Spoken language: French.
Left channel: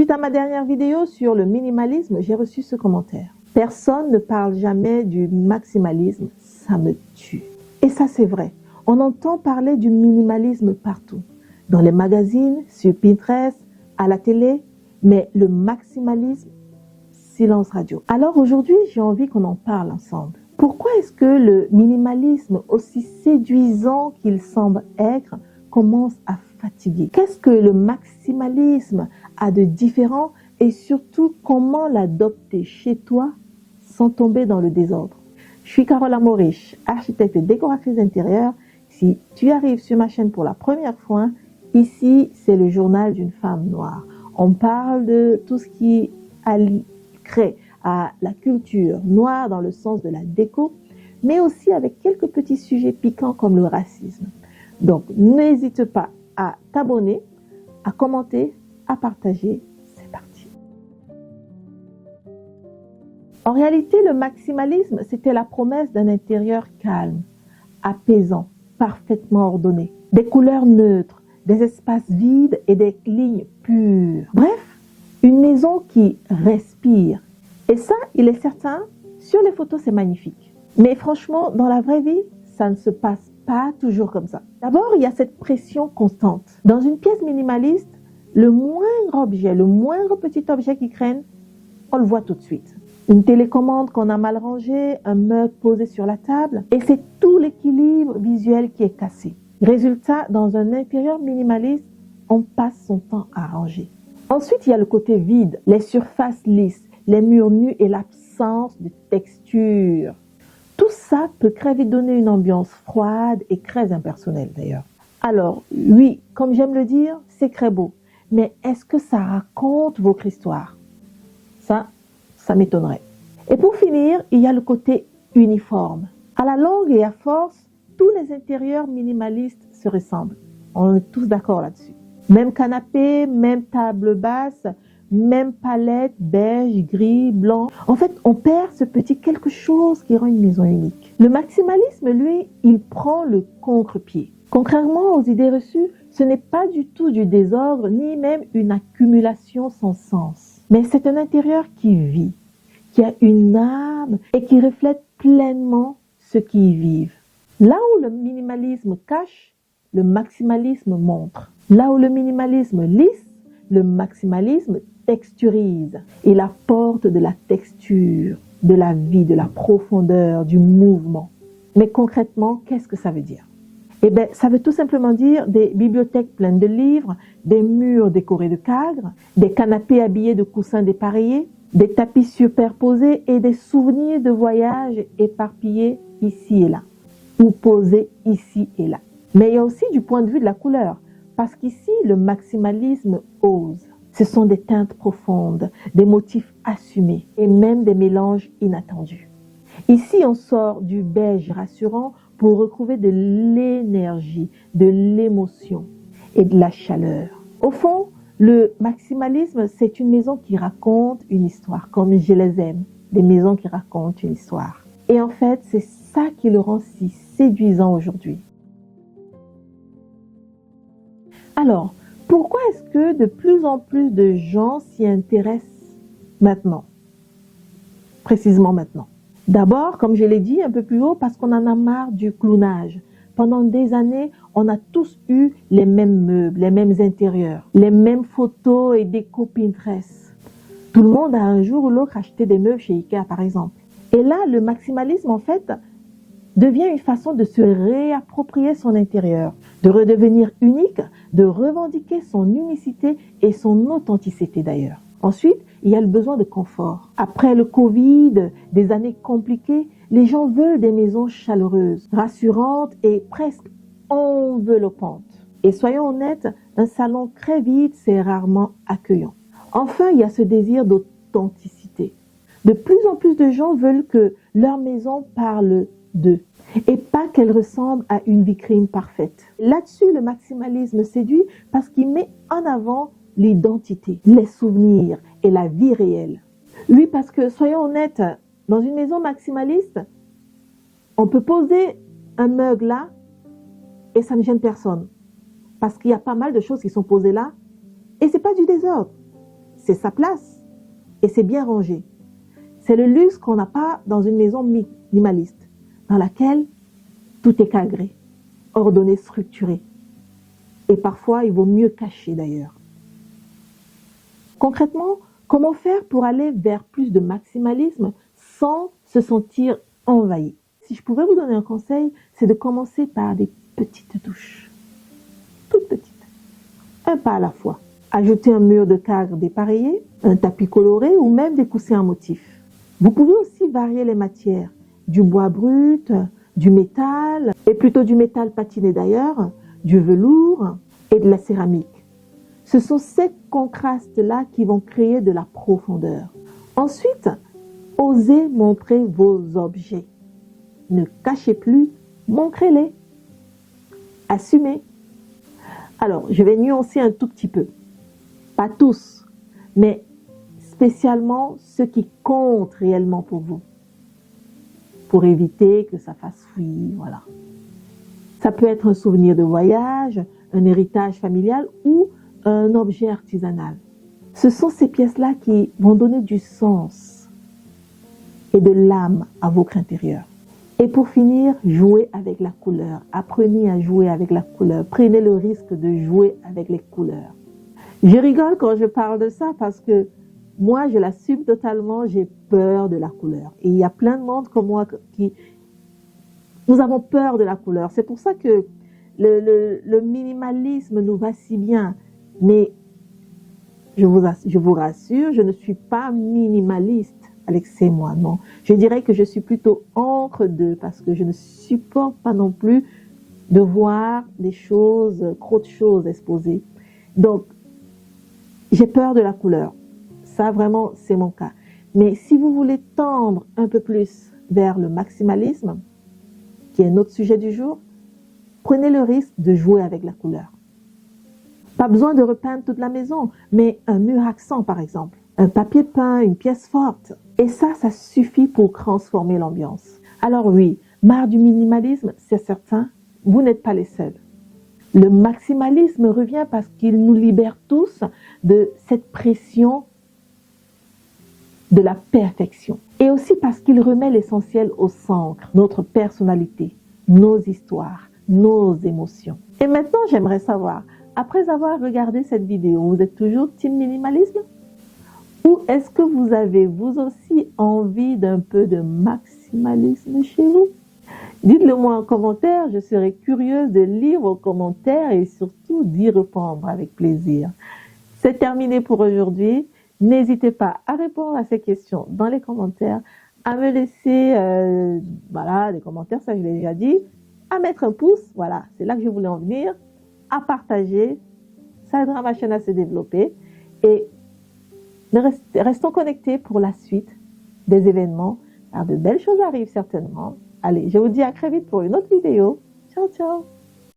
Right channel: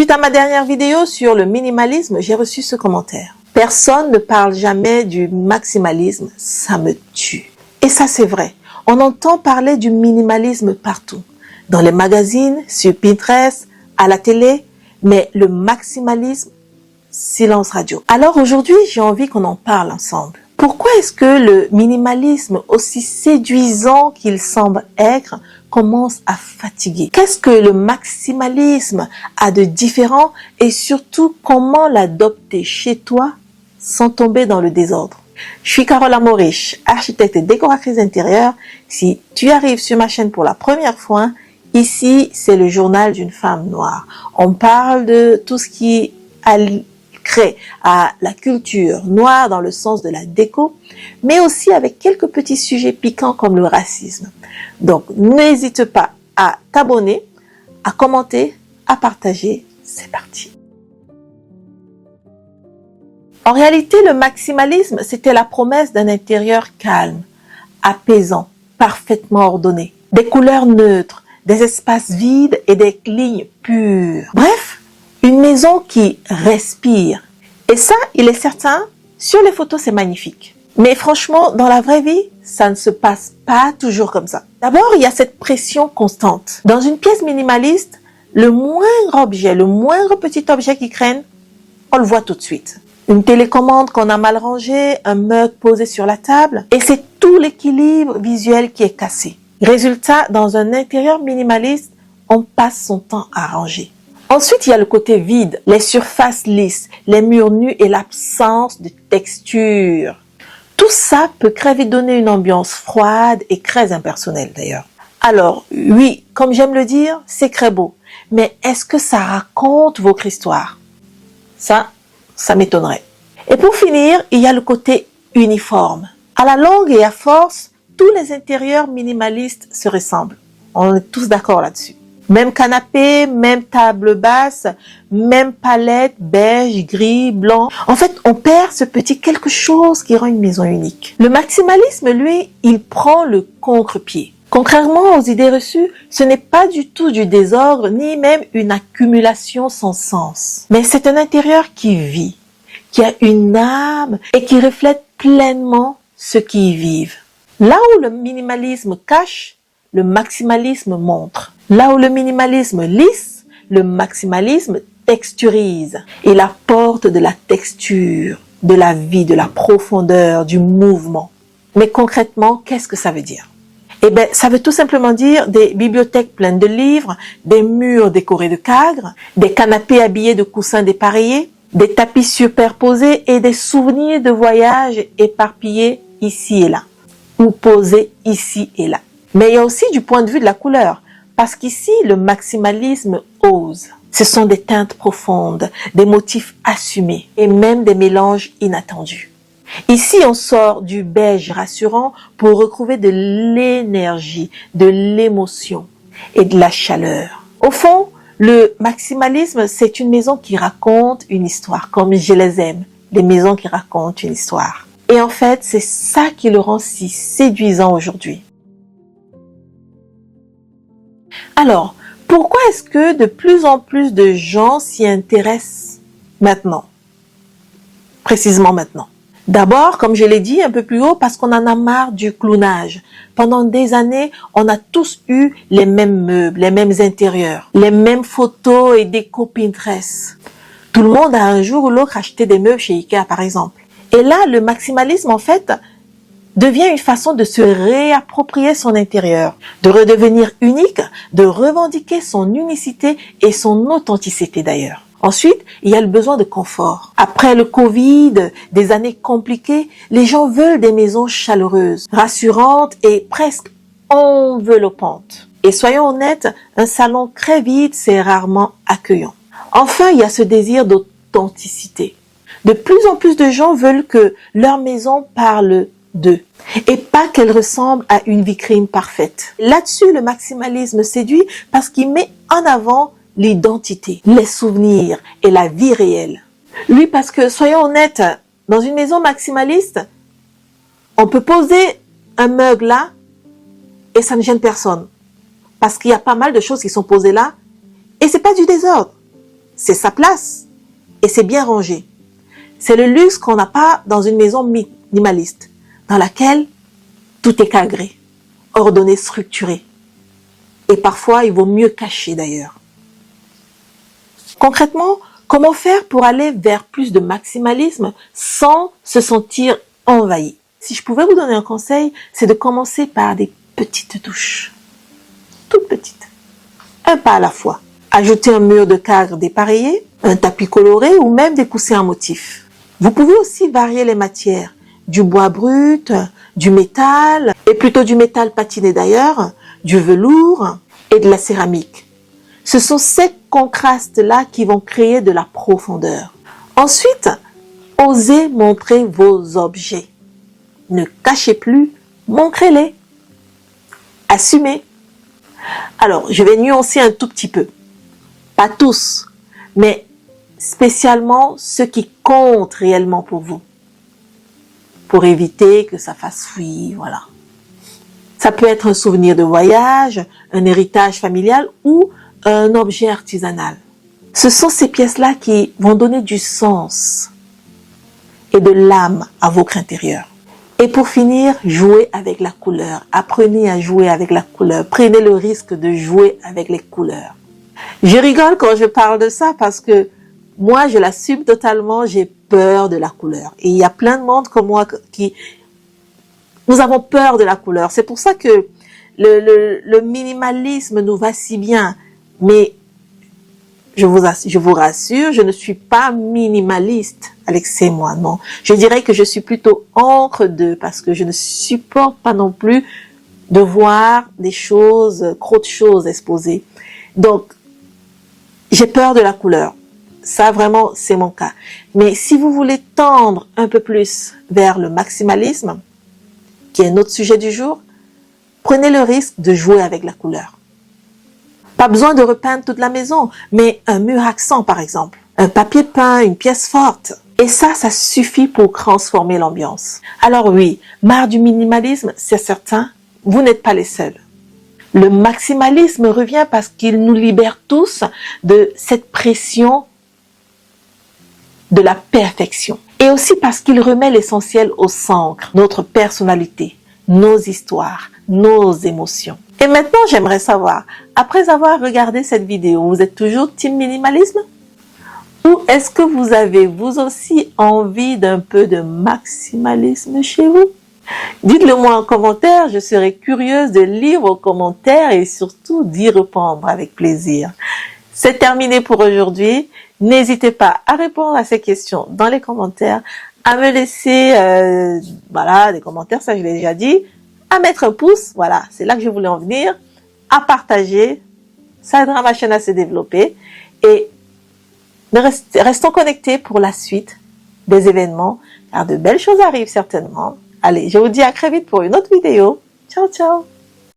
Suite à ma dernière vidéo sur le minimalisme, j'ai reçu ce commentaire. Personne ne parle jamais du maximalisme, ça me tue. Et ça c'est vrai, on entend parler du minimalisme partout. Dans les magazines, sur Pinterest, à la télé, mais le maximalisme, silence radio. Alors aujourd'hui, j'ai envie qu'on en parle ensemble. Pourquoi est-ce que le minimalisme, aussi séduisant qu'il semble être, commence à fatiguer? Qu'est-ce que le maximalisme a de différent et surtout comment l'adopter chez toi sans tomber dans le désordre? Je suis Carole Amoriche, architecte et décoratrice d'intérieur. Si tu arrives sur ma chaîne pour la première fois, ici c'est le journal d'une femme noire. On parle de tout ce qui crée à la culture noire dans le sens de la déco, mais aussi avec quelques petits sujets piquants comme le racisme. Donc n'hésite pas à t'abonner, à commenter, à partager. C'est parti. En réalité, le maximalisme, c'était la promesse d'un intérieur calme, apaisant, parfaitement ordonné, des couleurs neutres, des espaces vides et des lignes pures. Bref, une maison qui respire. Et ça, il est certain, sur les photos, c'est magnifique. Mais franchement, dans la vraie vie, ça ne se passe pas toujours comme ça. D'abord, il y a cette pression constante. Dans une pièce minimaliste, le moindre objet, le moindre petit objet qui traîne, on le voit tout de suite. Une télécommande qu'on a mal rangée, un mug posé sur la table, et c'est tout l'équilibre visuel qui est cassé. Résultat, dans un intérieur minimaliste, on passe son temps à ranger. Ensuite, il y a le côté vide, les surfaces lisses, les murs nus et l'absence de texture. Tout ça peut vite donner une ambiance froide et très impersonnelle d'ailleurs. Alors, oui, comme j'aime le dire, c'est très beau. Mais est-ce que ça raconte votre histoire? Ça m'étonnerait. Et pour finir, il y a le côté uniforme. À la longue et à force, tous les intérieurs minimalistes se ressemblent. On est tous d'accord là-dessus. Même canapé, même table basse, même palette, beige, gris, blanc. En fait, on perd ce petit quelque chose qui rend une maison unique. Le maximalisme, lui, il prend le contre-pied. Contrairement aux idées reçues, ce n'est pas du tout du désordre, ni même une accumulation sans sens. Mais c'est un intérieur qui vit, qui a une âme et qui reflète pleinement ceux qui y vivent. Là où le minimalisme cache, le maximalisme montre. Là où le minimalisme lisse, le maximalisme texturise. Il apporte de la texture, de la vie, de la profondeur, du mouvement. Mais concrètement, qu'est-ce que ça veut dire? Eh bien, ça veut tout simplement dire des bibliothèques pleines de livres, des murs décorés de cadres, des canapés habillés de coussins dépareillés, des tapis superposés et des souvenirs de voyages éparpillés ici et là, ou posés ici et là. Mais il y a aussi du point de vue de la couleur, parce qu'ici, le maximalisme ose. Ce sont des teintes profondes, des motifs assumés et même des mélanges inattendus. Ici, on sort du beige rassurant pour retrouver de l'énergie, de l'émotion et de la chaleur. Au fond, le maximalisme, c'est une maison qui raconte une histoire, comme je les aime, des maisons qui racontent une histoire. Et en fait, c'est ça qui le rend si séduisant aujourd'hui. Alors, pourquoi est-ce que de plus en plus de gens s'y intéressent maintenant? Précisément maintenant. D'abord, comme je l'ai dit un peu plus haut, parce qu'on en a marre du clownage. Pendant des années, on a tous eu les mêmes meubles, les mêmes intérieurs, les mêmes photos et déco Pinterest. Tout le monde a un jour ou l'autre acheté des meubles chez Ikea, par exemple. Et là, le maximalisme, en fait, devient une façon de se réapproprier son intérieur, de redevenir unique, de revendiquer son unicité et son authenticité d'ailleurs. Ensuite, il y a le besoin de confort. Après le Covid, des années compliquées, les gens veulent des maisons chaleureuses, rassurantes et presque enveloppantes. Et soyons honnêtes, un salon très vide, c'est rarement accueillant. Enfin, il y a ce désir d'authenticité. De plus en plus de gens veulent que leur maison parle d'eux et pas qu'elle ressemble à une vitrine parfaite. Là-dessus, le maximalisme séduit parce qu'il met en avant l'identité, les souvenirs et la vie réelle. Oui, parce que soyons honnêtes, dans une maison maximaliste, on peut poser un mug là et ça ne gêne personne. Parce qu'il y a pas mal de choses qui sont posées là et c'est pas du désordre. c'est sa place et c'est bien rangé. C'est le luxe qu'on n'a pas dans une maison minimaliste, dans laquelle tout est cadré, ordonné, structuré. Et parfois, il vaut mieux cacher d'ailleurs. Concrètement, comment faire pour aller vers plus de maximalisme sans se sentir envahi? Si je pouvais vous donner un conseil, c'est de commencer par des petites touches. Toutes petites. Un pas à la fois. Ajouter un mur de cadre dépareillé, un tapis coloré ou même des coussins en motif. Vous pouvez aussi varier les matières. Du bois brut, du métal, et plutôt du métal patiné d'ailleurs, du velours et de la céramique. Ce sont ces contrastes-là qui vont créer de la profondeur. Ensuite, osez montrer vos objets. Ne cachez plus, montrez-les. Assumez. Alors, je vais nuancer un tout petit peu. Pas tous, mais spécialement ceux qui comptent réellement pour vous. Pour éviter que ça fasse fouillis, voilà. Ça peut être un souvenir de voyage, un héritage familial ou un objet artisanal. Ce sont ces pièces-là qui vont donner du sens et de l'âme à votre intérieur. Et pour finir, jouez avec la couleur. Apprenez à jouer avec la couleur. Prenez le risque de jouer avec les couleurs. Je rigole quand je parle de ça parce que moi, je l'assume totalement, j'ai peur de la couleur. Et il y a plein de monde comme moi qui... Nous avons peur de la couleur. C'est pour ça que le minimalisme nous va si bien. Mais je vous rassure, je ne suis pas minimaliste, Alexis et moi, non. Je dirais que je suis plutôt entre deux parce que je ne supporte pas non plus de voir des choses, trop de choses exposées. Donc, j'ai peur de la couleur. Ça, vraiment, c'est mon cas. Mais si vous voulez tendre un peu plus vers le maximalisme, qui est notre sujet du jour, prenez le risque de jouer avec la couleur. Pas besoin de repeindre toute la maison, mais un mur accent, par exemple. Un papier peint, une pièce forte. Et ça suffit pour transformer l'ambiance. Alors oui, marre du minimalisme, c'est certain, vous n'êtes pas les seuls. Le maximalisme revient parce qu'il nous libère tous de cette pression de la perfection. Et aussi parce qu'il remet l'essentiel au centre, notre personnalité, nos histoires, nos émotions. Et maintenant, j'aimerais savoir, après avoir regardé cette vidéo, vous êtes toujours team minimalisme? Ou est-ce que vous avez vous aussi envie d'un peu de maximalisme chez vous? Dites-le moi en commentaire, je serai curieuse de lire vos commentaires et surtout d'y répondre avec plaisir. C'est terminé pour aujourd'hui. N'hésitez pas à répondre à ces questions dans les commentaires, à me laisser des commentaires, ça je l'ai déjà dit, à mettre un pouce, voilà, c'est là que je voulais en venir, à partager, ça aidera ma chaîne à se développer et restons connectés pour la suite des événements, car de belles choses arrivent certainement. Allez, je vous dis à très vite pour une autre vidéo. Ciao, ciao!